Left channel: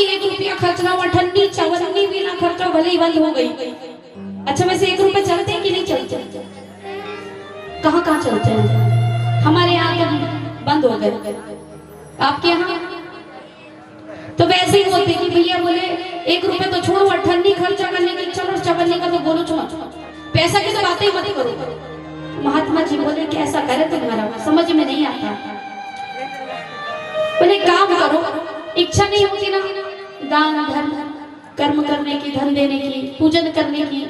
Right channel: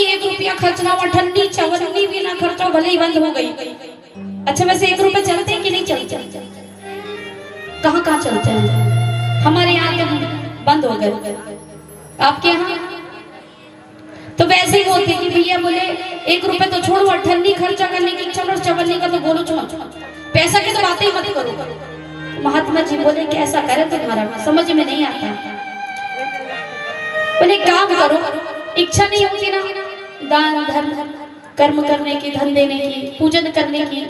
कि 1 रुपया खर्चना हुआ, ठंडी चवन्नी भी ना खर्चा, भले ही बंद हो गई। अच्छा वैसे 1 रुपया चलते हैं कि नहीं चलते? कहाँ कहाँ चलते हैं? हमारे यहाँ तो बंद हो गए, आपके यहाँ? तो वैसे ही बोलते कि भैया बोले 1 रुपया तो छोड़ो, ठंडी खर्चा करने की इच्छा और चवन्नी का तो बोलो छोड़, पैसा की तो बातें ही मत करो। महात्मा जी बोले कि ऐसा करे तुम्हारा समझ में नहीं आता। बोले काम करो, इच्छा नहीं होती ना दान धर्म कर्म करने की, धन देने की, पूजन करने की।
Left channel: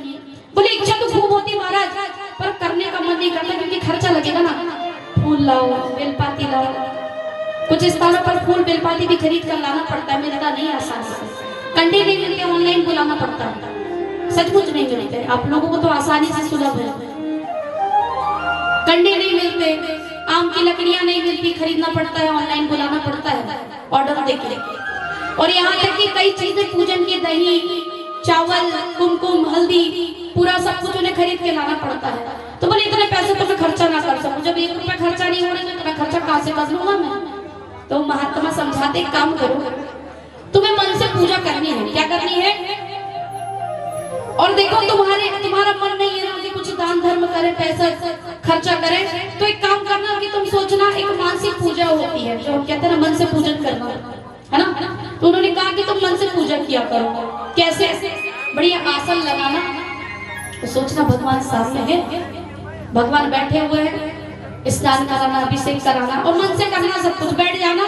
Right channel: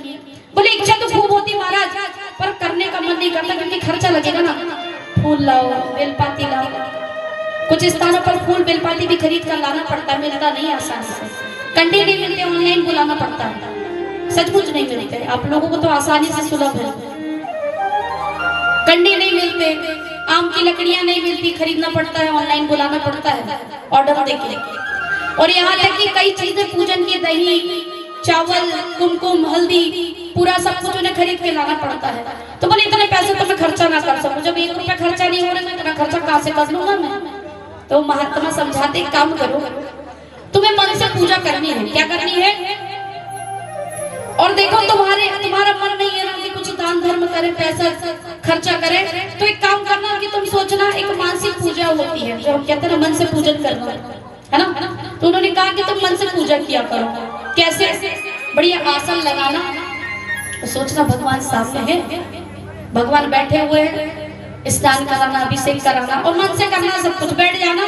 बोले इच्छा तो खूब होती महाराज, पर करने का मन नहीं करता क्योंकि खर्चा लगेगा ना। फूल लाओ, बेलपाती लाओ, कुछ स्थानों पर फूल बेलपाती भी खरीद कर लाना पड़ता है, मिलता नहीं आसान से। कंडे नहीं मिलते, ऑनलाइन बुलाना पड़ता है, सचमुच नहीं मिलते। आप लोगों को तो आसानी से सुलभ है। कंडे नहीं मिलते, आम की लकड़ियां नहीं मिलती, खरीदना पड़ता है, ऑनलाइन बुलाना पड़ता है ऑर्डर देके। और यहाँ तक कि कई चीजें पूजन की, दही चावल कुमकुम हल्दी पूरा सब कुछ उन्हें खरीद के लाना पड़ता है। तो बोले इतने पैसे तो मैं खर्चा ना कर सकूं, जब 1 रुपया खर्चा नहीं हो रहा है इतना खर्चा कहां से कर लूंगा मैं? तो महात्मा समझाते काम करो, तुम्हें मन से पूजा करनी है। क्या करनी है? और देखो तुम्हारा मन नहीं है ना कि कुछ दान धर्म करे, पैसा खर्चा करे, तो एक काम करना कि तुम सोचना एक मानसिक पूजा होती है जो कहते हैं मन से पूजन करना, है ना? तो उन्होंने कहा कि तुम मन से पूजन किया करो। कैसे? बढ़िया आसन लगाना, तो सोचना भगवान सामने है, भगवान बैठे हुए हैं, स्नान कराना, अभिषेक कराना, और मन से करना सब कुछ। बैठ जाना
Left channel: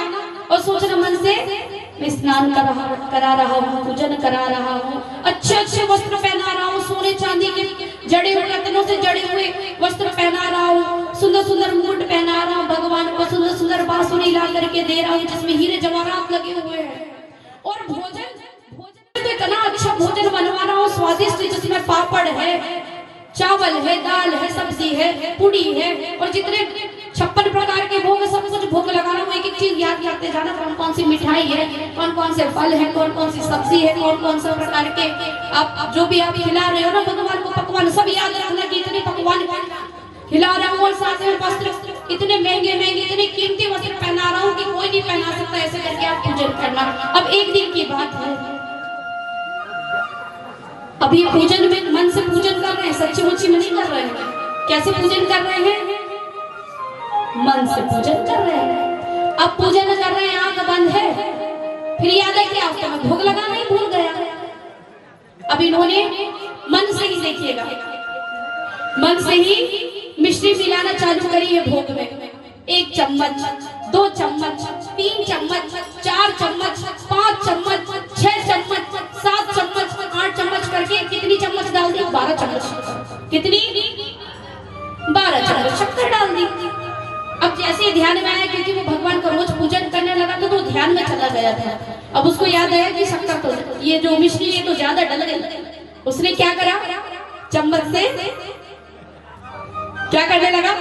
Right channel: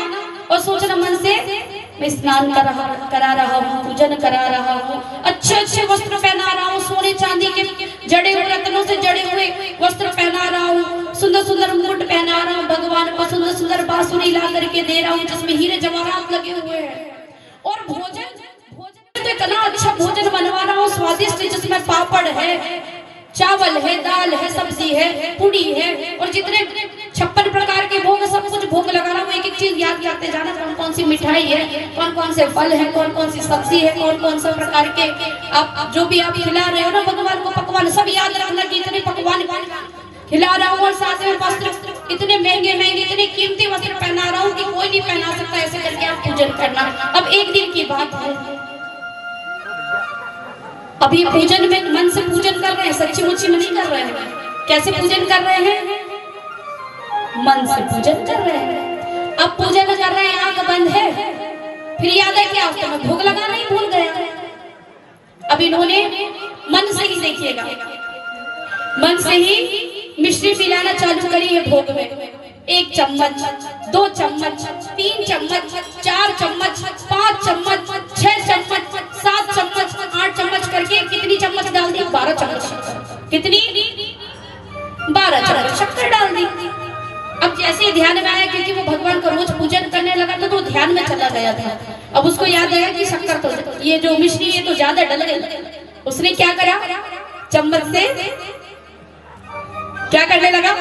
और सोचना मन से मैं स्नान करा रहा हूँ, पूजन करा रहा हूँ, अच्छे अच्छे वस्त्र पहना रहा हूँ, सोने चांदी के जड़े हुए रत्नों से जड़े हुए वस्त्र पहना रहा हूँ, सुंदर सुंदर मुकुट पहना रहा हूँ, भगवान को सुंदर सुंदर बांसुरी ला करके दे रहा हूँ जिसमें हीरे जवाहरात लगे हुए हैं। और भोजन तो इतना अच्छा भोजन बनवा रहा हूँ स्वादिष्ट, जिसमें पापड़ है, चावल है, दाल है, सब्जी है, पूड़ी है, और जितने 56 प्रकार के भोग सब कुछ भोग लगा रहा हूँ। एक एक चीज याद करते जाना, कौन कौन सी मिठाई है, कौन कौन से फल है, कौन कौन सी सब्जी है, कौन कौन से प्रकार के आप जो भी आप खिला रहे हो ना भगवान को, पकवान सब याद रखना कि इतने पकवान खिला रहा हूँ। और साथ में वस्त्र इतने महंगे महंगे, इतने कीमती वस्त्र पहना रहा हूँ कि कोई नहीं पहना सकता। ऐसे करके आप पूजन करना। अब एक दिन की बात है, अभी पूजन में मन से पूजन कर रहे हैं, सच्ची मुच्ची में नहीं कर रहे हैं। कैसे पूजन कर रहे हैं? मन से पूजन कर रहे हैं। अब पूजन कर रहे हैं, आंख बंद है, फिर याद है कि आपके में भोग लगा नहीं, भूल गया। अब इन्होंने मन से ही, देखिएगा, मन से ही मिश्री पिलाना चालू करी है भोग में। 1 चम्मच, 2 चम्मच, 3 चम्मच, 4 चम्मच, 5 चम्मच, 6 चम्मच, 7 चम्मच, 8 चम्मच करके कितनी चम्मच डाल दी? 12 चम्मच। कितनी? 12 चम्मच शक्कर डाल दी। अब जैसे ही ध्यान में आया, क्योंकि वो भगवान को रोज पूजन करने लगा था तो ध्यान में चला गया था। अब उसको याद आया कि शक्कर तो ये जो मिश्री ये तो ज्यादा डल गई। उसने क्या करा? चम्मच से क्या करने लगा?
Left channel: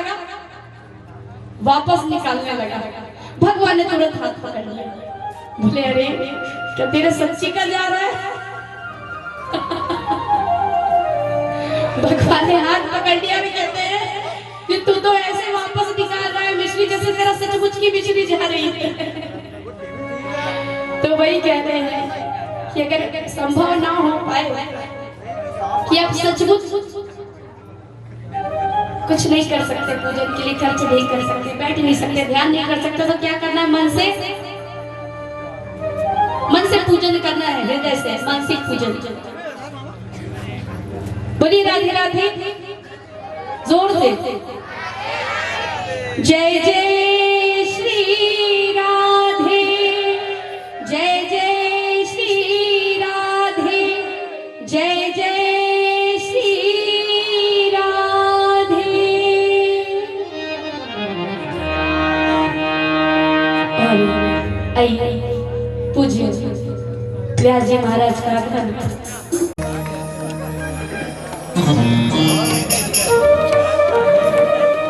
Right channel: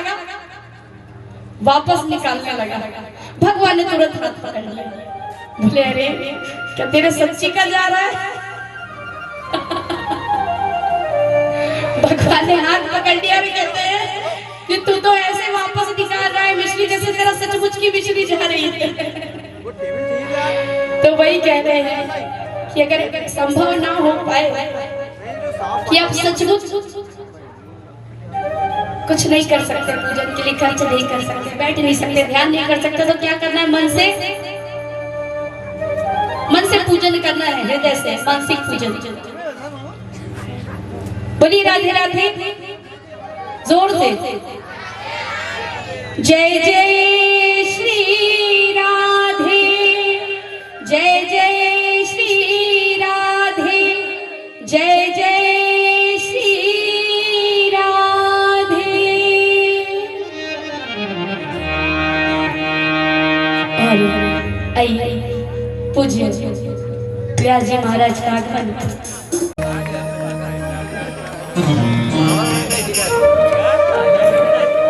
वापस निकालने लगा। भगवान ने तुरंत हाथ पकड़ लिया, बोले अरे क्या तेरे सच्ची का जा रहा है? भगवान ने हाथ पकड़ लिया, भी कहते हैं कि तू तो ऐसे वापस निकाल रहा है मिश्री जैसे तेरा सचमुच की मिश्री जा रही है। तो वही कह रहे हैं कि अगर संभव ना हो पाए कि आप सचमुच कुछ नहीं कर सकते, पूजन के लिए खर्च नहीं कर सकते, बैठ नहीं सकते, ध्यान नहीं कर सकते, तो क्या करना है? मन से पूजन करना है, हृदय से मानसिक पूजन। बोलिए राधे राधे, जोर से। जय जय श्री राधे, जय जय श्री राधे, जय जय श्री राधे। आइए पूज्य व्यास जी महाराज का आगमन।